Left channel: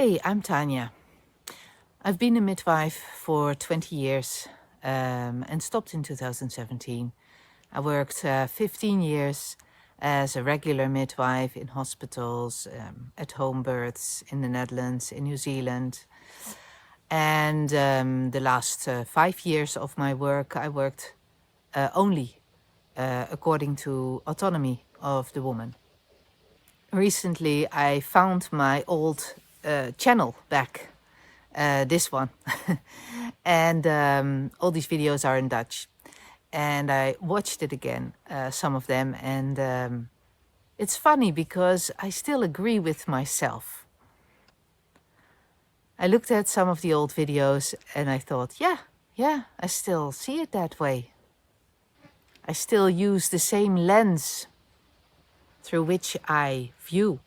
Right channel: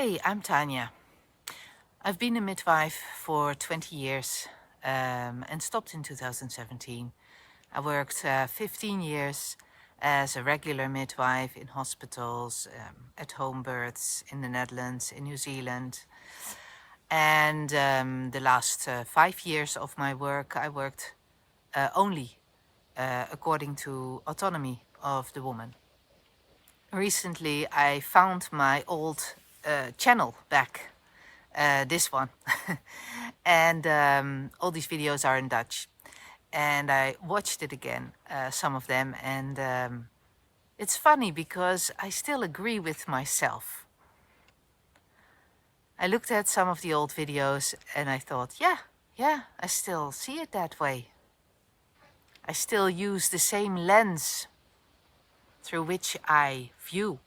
Hey, I'm Tanya. I've been a midwife for 20 years and stopped in 2017. I worked 15 years as a regular midwife in hospitals, at home births in the Netherlands, in New Zealand. And the last 5 years of my work, I worked only according to autonomy of the woman. Recently, I found my old channel back, this one. And all these videos are in Dutch. And I watched it again, some of them. And it's funny because I still agree with myself. I looked at some of the old videos and I thought, yeah, I still see it that way. I still use the same lens through which I view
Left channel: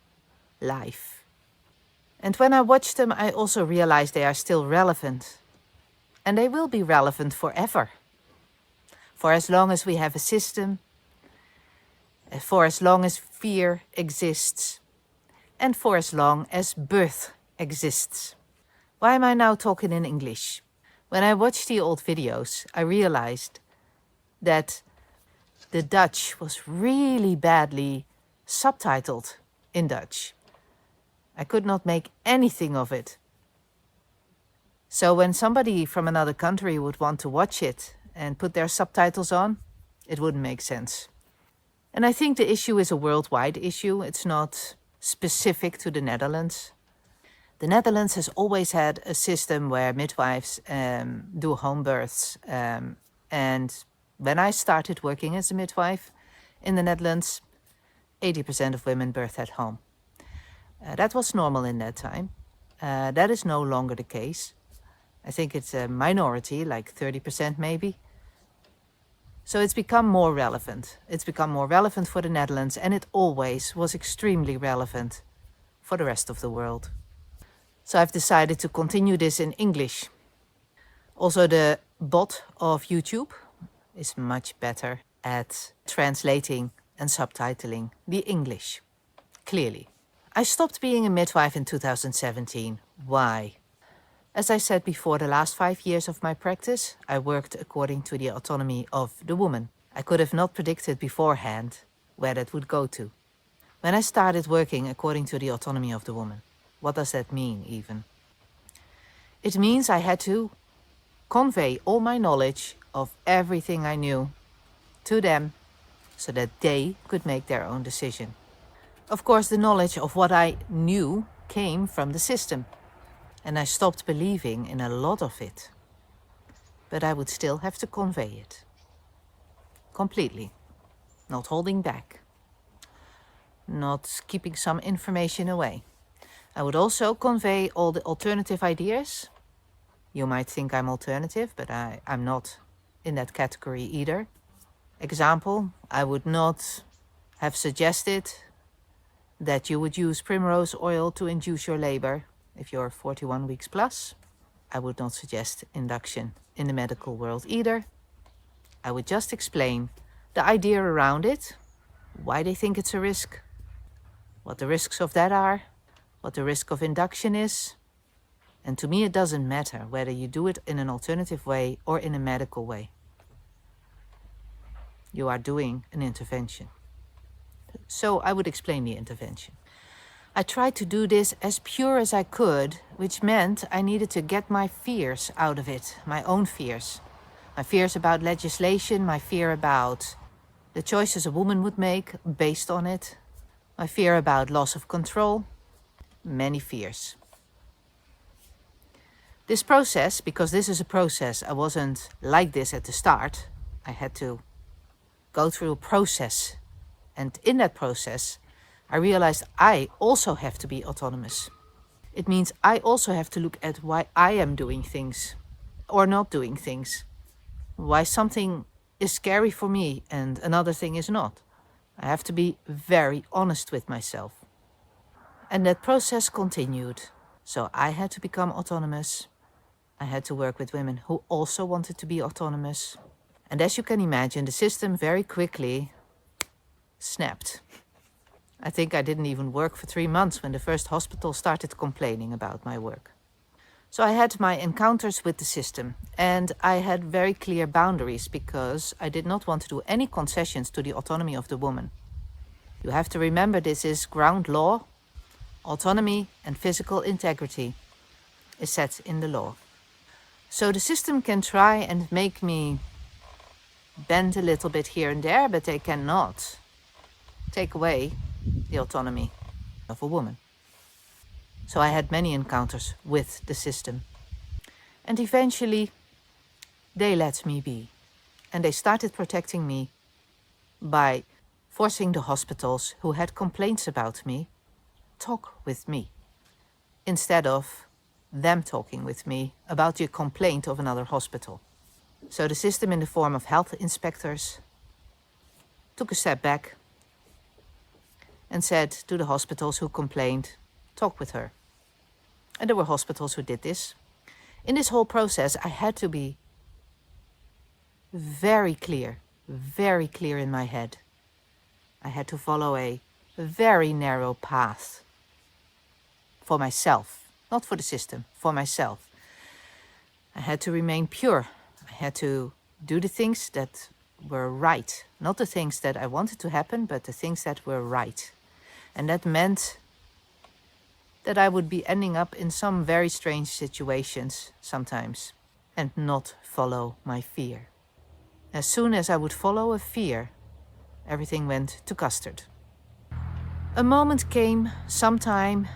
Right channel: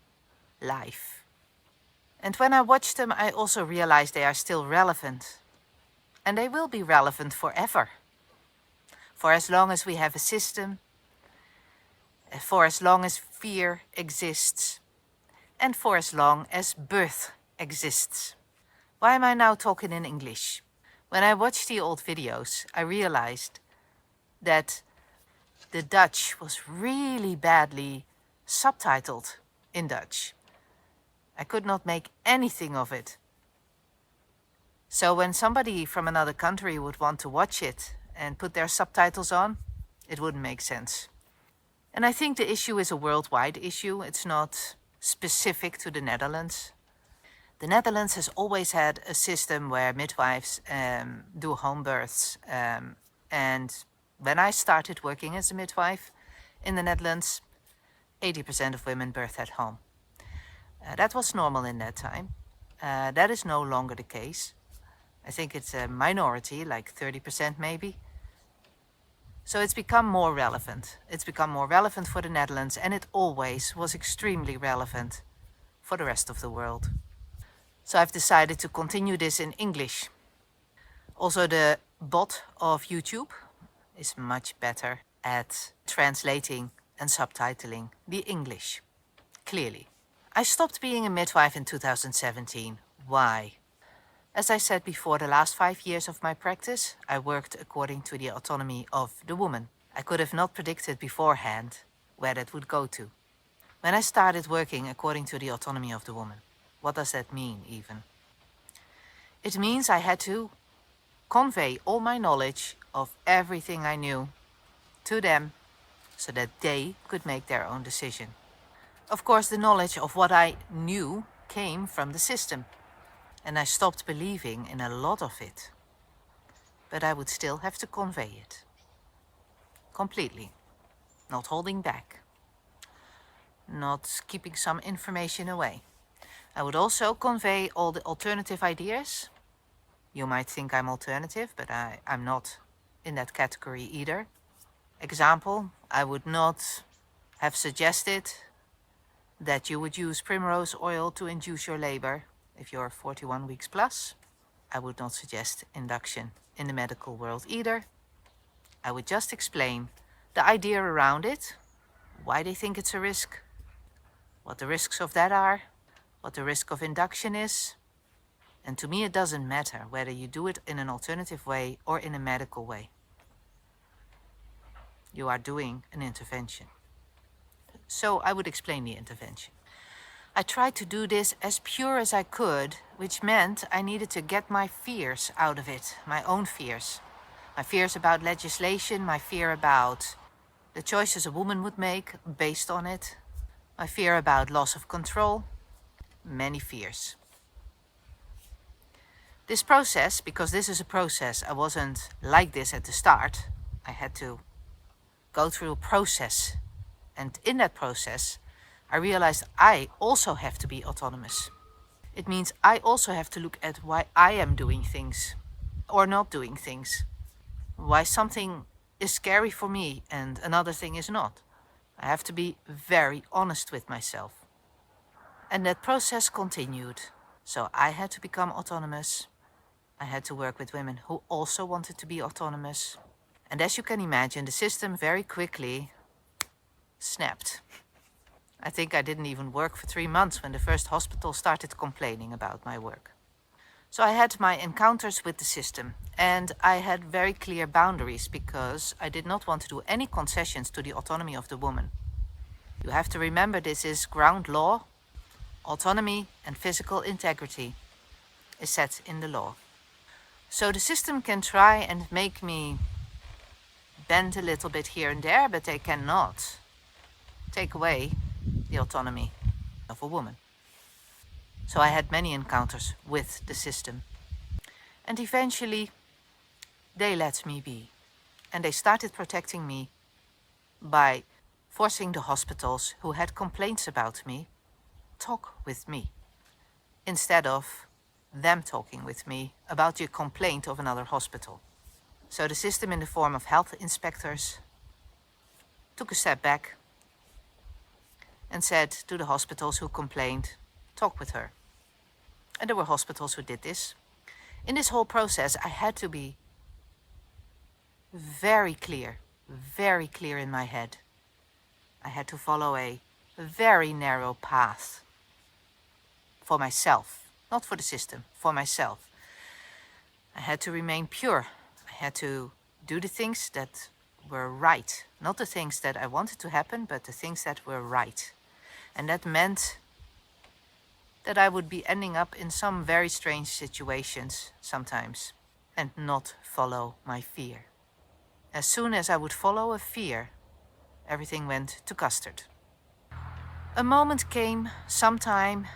life. And when I watch them, I also realize they are still relevant. And they will be relevant forever. For as long as we have a system, for as long as fear exists, and for as long as birth exists. Why am I now talking in English? When I watched the old videos, I realized that the Dutch was really badly subtitled in Dutch. I could not make anything of it. So when somebody from another country would want to watch it and put their subtitles on, it wouldn't make sense. And I think the issue is a worldwide issue. It's not specific to the Netherlands. The Netherlands has always had a system where midwives do home births. And when I started working as a midwife in the Netherlands, 80% of women birth at home. That was normal in that time. That is no longer the case. I think it's a minority, like 30% maybe. So it's become more relevant. It's become more relevant for the Netherlands, and it always was extremely relevant for the rest of the world. So I've decided to continue this in English. Also, the bot of YouTube is much better at translating and subtitling the English, clearly. I stopped being a midwife in 2017. Why? As I said before, the last 5 years of my practice, I worked according to the autonomy of the woman. I could have not predicted beforehand where that would go to. When I started working according to the autonomy of the woman, what does that mean even? It means I had to convey all my knowledge of everything I knew to them so that they could make their own decision. Of course, the knowledge of what I knew came from the system. And I stopped believing in a lot of it. But I would still have to convey it. Completely. Not holding back. Not keeping some information away. I would also convey all the alternative ideas. You might think I'm alternative, but I'm not in that category either. Example, I would not have suggested that you would use primrose oil to induce your labor if you're 41 weeks plus. I would not suggest induction in the medical world either. I would just explain the idea around it, why they think it's a risk, what the risks of that are, what the risk of induction is. And to me, it doesn't matter whether you do it in an alternative way or in a medical way. You are doing an intervention. So I would explain the intervention. I tried to do this as pure as I could, which meant I needed to get my fears out of it, my own fears. My fears about legislation, my fear about the choices a woman would make based on it, my fear about loss of control, many fears. This process, because this is a process, I wasn't like this at the start. I had to go through a process, and in that process, I realized I also have to be autonomous. It means I also have to look at why I am doing things or not doing things. Why something is scary for me and another thing is not. I have to be very honest with myself. And that process continued. So I had to become autonomous. I had to work with women who also wanted to be autonomous. And as you can imagine, the system very quickly snapped. I think I didn't even work for 3 months when the first hospital started complaining about my work. So I had my encounters with the system, and I had very clear boundaries because I did not want to do any concessions to the autonomy of the woman. You have to remember, this is ground law. Autonomy and physical integrity is set in the law. So the system can try and make me bend a little bit here and there, but they cannot take away the autonomy of a woman. So I had many encounters with the system. And eventually, they let me be. And they started protecting me by forcing the hospitals who had complaints about me talk with me, instead of them talking with me about the complaint of another hospital. So the system, in the form of health inspectors, took a step back and said to the hospitals who complained, talk with her. And there were hospitals who did this. In this whole process, I had to be very clear in my head. I had to follow a very narrow path for myself, not for the system, for myself. I had to remain pure. I had to do the things that were right, not the things that I wanted to happen, but the things that were right. And that meant that I would be ending up in some very strange situations sometimes and not follow my fear. As soon as I would follow a fear, everything went to custard. A moment came sometime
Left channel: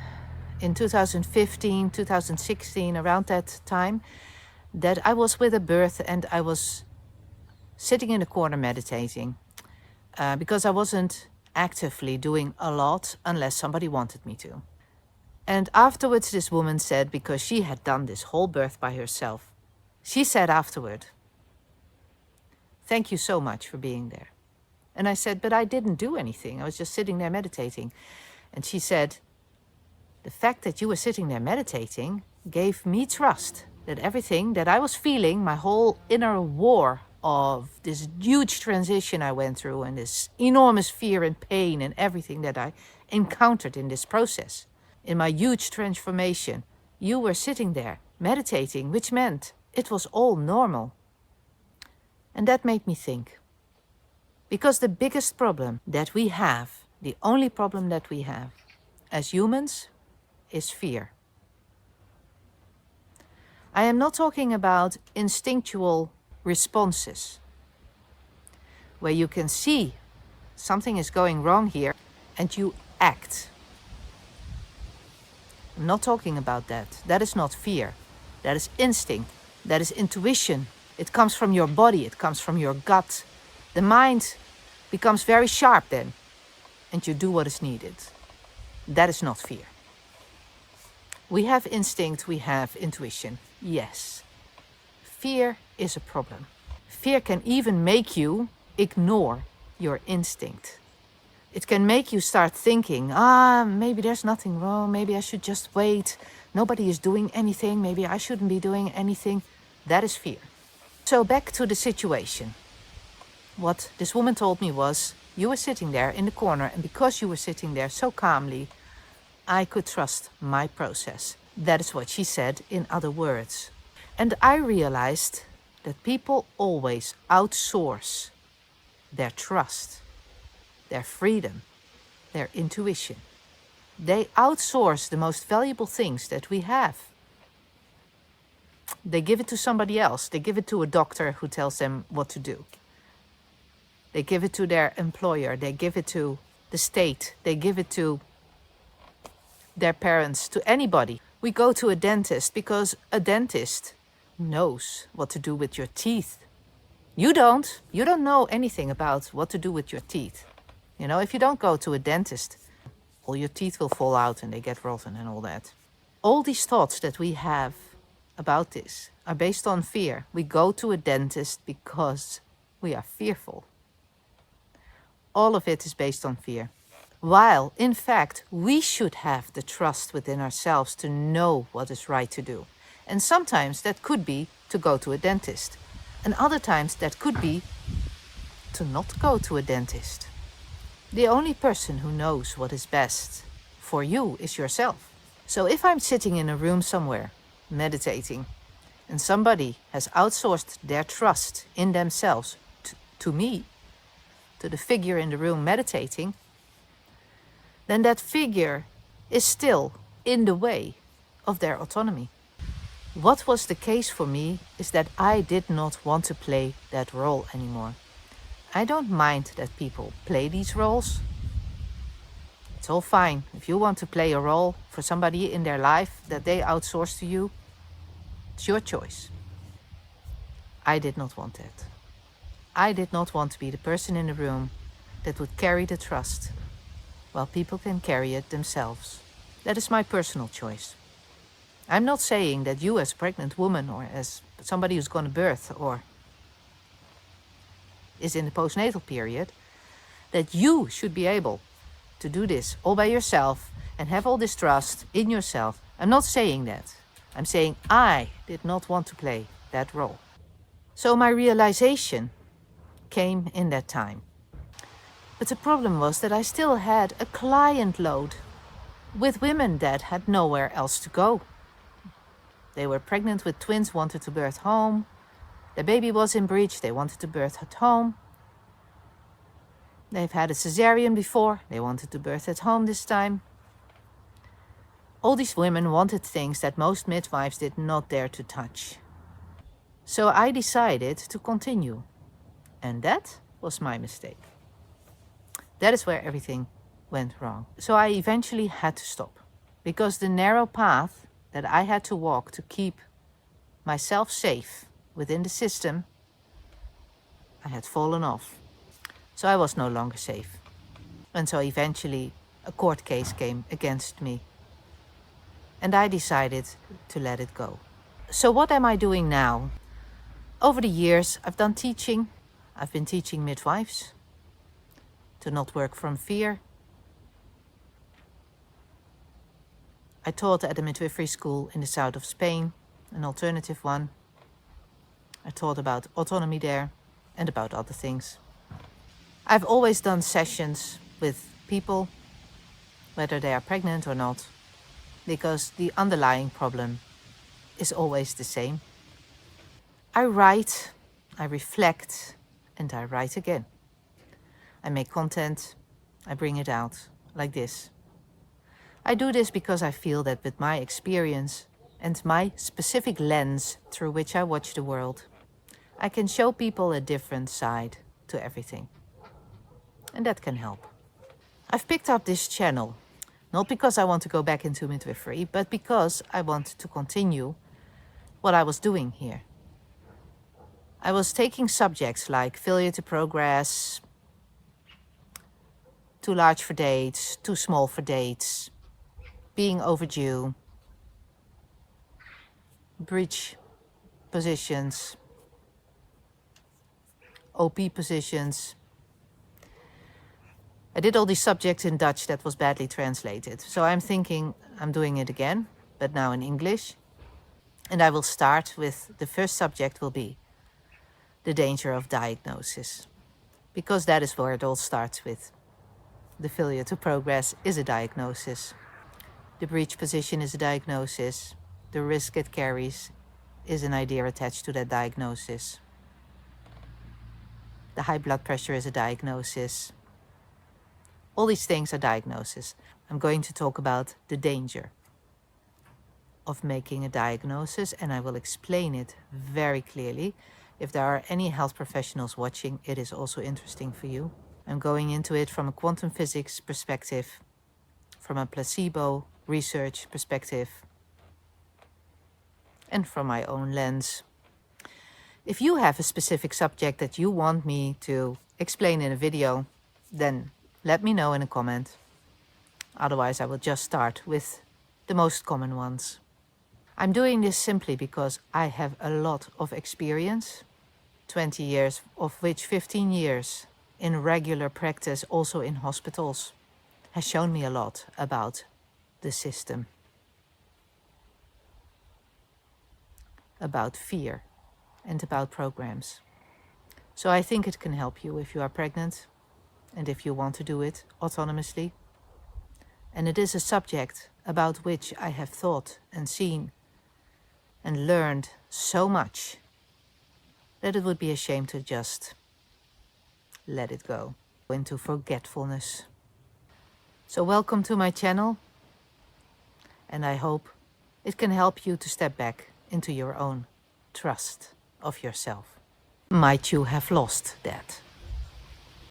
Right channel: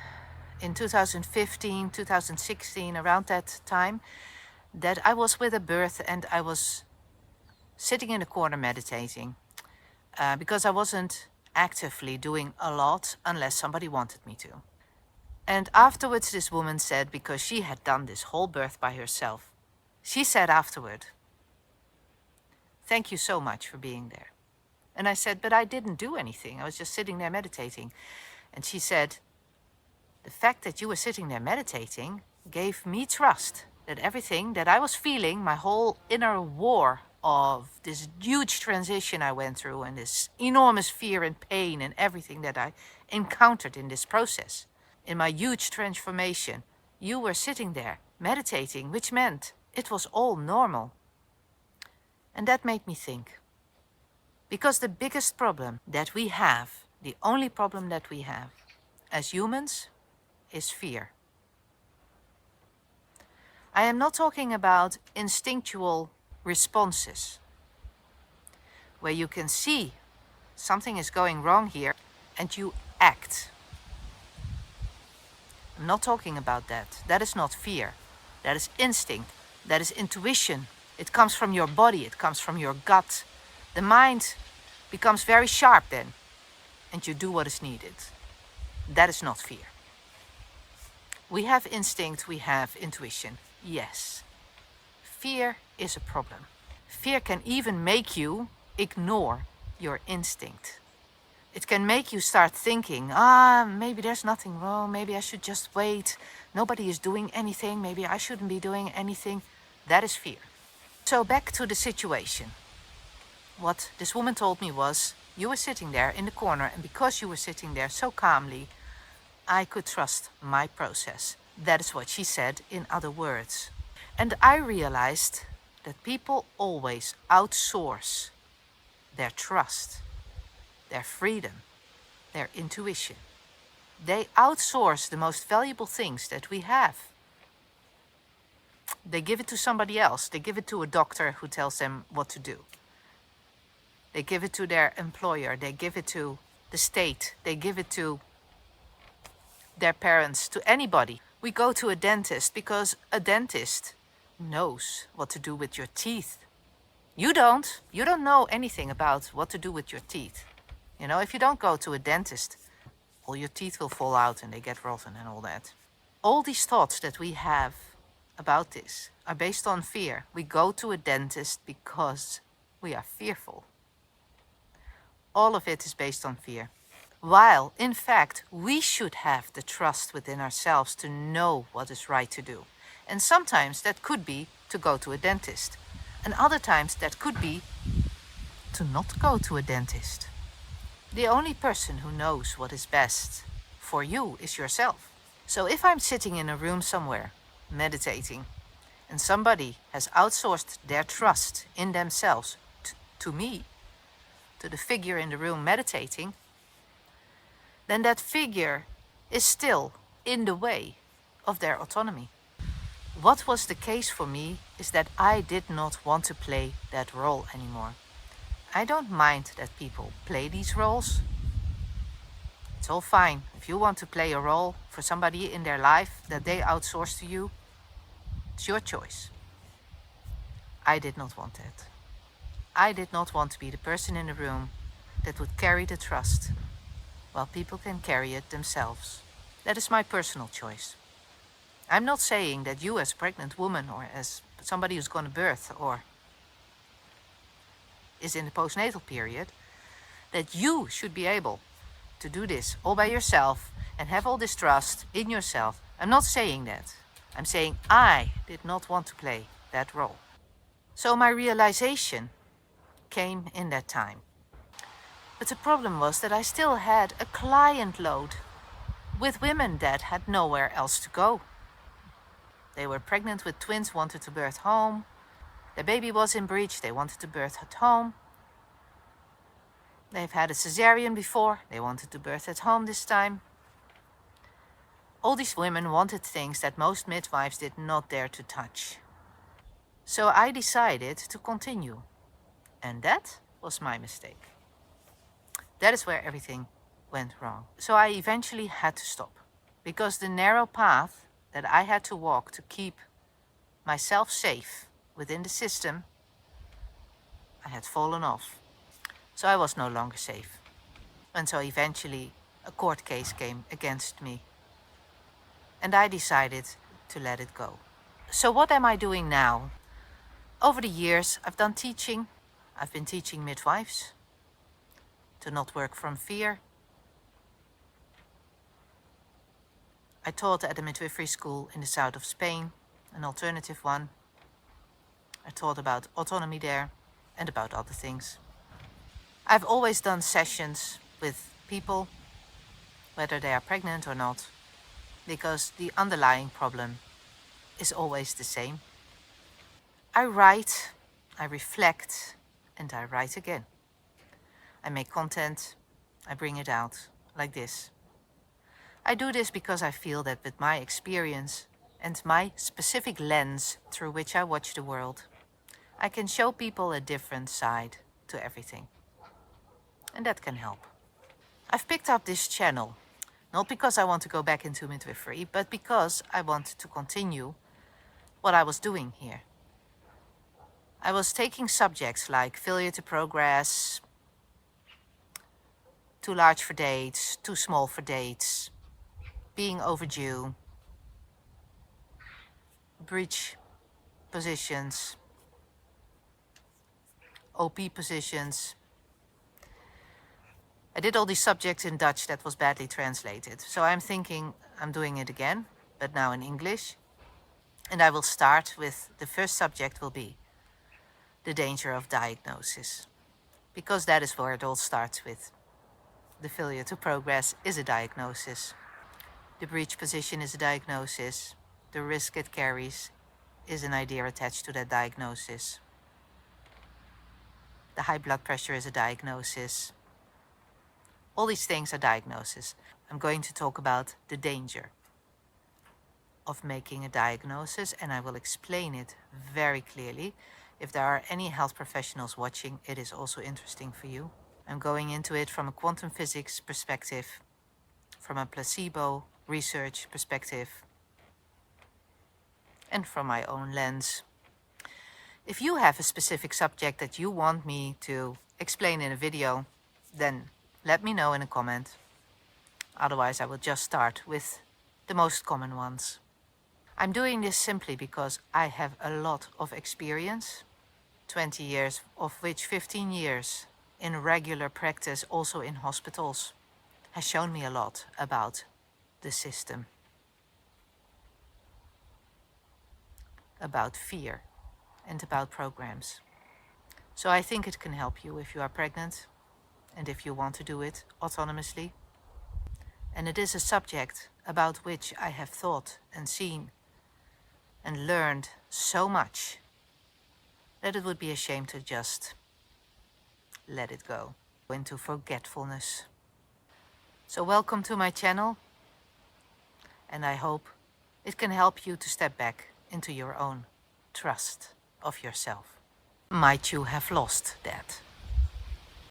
in 2015, 2016, around that time, that I was with a birth and I was sitting in a corner meditating because I wasn't actively doing a lot unless somebody wanted me to. And afterwards this woman said, because she had done this whole birth by herself, she said afterward, thank you so much for being there. And I said, but I didn't do anything. I was just sitting there meditating. And she said, the fact that you were sitting there meditating gave me trust that everything that I was feeling, my whole inner war of this huge transition I went through and this enormous fear and pain and everything that I encountered in this process, in my huge transformation, you were sitting there meditating, which meant it was all normal. And that made me think. Because the biggest problem that we have, the only problem that we have as humans, is fear. I am not talking about instinctual responses, where you can see something is going wrong here and you act. I'm not talking about that. That is not fear. That is instinct. That is intuition. It comes from your body. It comes from your gut. The mind becomes very sharp then, and you do what is needed. That is not fear. We have instinct, we have intuition. Yes. Fear is a problem. Fear can even make you ignore your instinct. It can make you start thinking, maybe there's nothing wrong, maybe I should just wait. Nobody is doing anything, maybe I shouldn't be doing anything. That is fear. So back to the situation. What this woman told me was, you were sitting there in the corner, and because you were sitting there so calmly, I could trust my process. That is what she said, in other words. And I realized that people always outsource their trust, their freedom, their intuition. They outsource the most valuable things that we have. They give it to somebody else. They give it to a doctor who tells them what to do. They give it to their employer. They give it to the state. They give it to their parents, to anybody. We go to a dentist because a dentist knows what to do with your teeth. You don't. You don't know anything about what to do with your teeth. You know, if you don't go to a dentist, all your teeth will fall out and they get rotten and all that. All these thoughts that we have about this are based on fear. We go to a dentist because we are fearful. All of it is based on fear. While, in fact, we should have the trust within ourselves to know what is right to do. And sometimes that could be to go to a dentist. And other times that could be to not go to a dentist. The only person who knows what is best for you is yourself. So if I'm sitting in a room somewhere, meditating, and somebody has outsourced their trust in themselves to me, to the figure in the room meditating, then that figure is still in the way of their autonomy. What was the case for me is that I did not want to play that role anymore. I don't mind that people play these roles. It's all fine. If you want to play a role for somebody in their life that they outsource to you, it's your choice. I did not want it. I did not want to be the person in the room that would carry the trust, while people can carry it themselves. That is my personal choice. I'm not saying that you as a pregnant woman or as somebody who's going to birth or is in the postnatal period, that you should be able to do this all by yourself and have all this trust in yourself. I'm not saying that. I'm saying I did not want to play that role. So my realization came in that time. But the problem was that I still had a client load with women that had nowhere else to go. They were pregnant with twins, wanted to birth home. Their baby was in breech, they wanted to birth at home. They've had a cesarean before, they wanted to birth at home this time. All these women wanted things that most midwives did not dare to touch. So I decided to continue. And that was my mistake. That is where everything went wrong. So I eventually had to stop, because the narrow path that I had to walk to keep myself safe within the system, I had fallen off. So I was no longer safe. And so eventually a court case came against me. And I decided to let it go. So what am I doing now? Over the years, I've done teaching. I've been teaching midwives to not work from fear. I taught at a midwifery school in the south of Spain, an alternative one. I taught about autonomy there and about other things. I've always done sessions with people, whether they are pregnant or not, because the underlying problem is always the same. I write, I reflect, and I write again. I make content, I bring it out, like this. I do this because I feel that with my experience and my specific lens through which I watch the world, I can show people a different side to everything. And that can help. I've picked up this channel, not because I want to go back into midwifery, but because I want to continue what I was doing here. I was taking subjects like failure to progress, too large for dates, too small for dates, being overdue, breech positions, OP positions. I did all these subjects in Dutch that was badly translated. So I'm thinking I'm doing it again, but now in English. And I will start with the first subject will be the danger of diagnosis, because that is where it all starts with. The failure to progress is a diagnosis. The breech position is a diagnosis. The risk it carries is an idea attached to that diagnosis. The high blood pressure is a diagnosis. All these things are diagnoses. I'm going to talk about the danger of making a diagnosis, and I will explain it very clearly. If there are any health professionals watching, it is also interesting for you. I'm going into it from a quantum physics perspective, from a placebo research perspective, and from my own lens. If you have a specific subject that you want me to explain in a video, then let me know in a comment. Otherwise, I will just start with the most common ones. I'm doing this simply because I have a lot of experience, 20 years, of which 15 years in regular practice, also in hospitals, has shown me a lot about the system, about fear, and about programs. So I think it can help you if you are pregnant, and if you want to do it autonomously. And it is a subject about which I have thought and seen and learned so much that it would be a shame to just let it go into forgetfulness. So welcome to my channel, and I hope it can help you to step back into your own trust of yourself. Might you have lost that?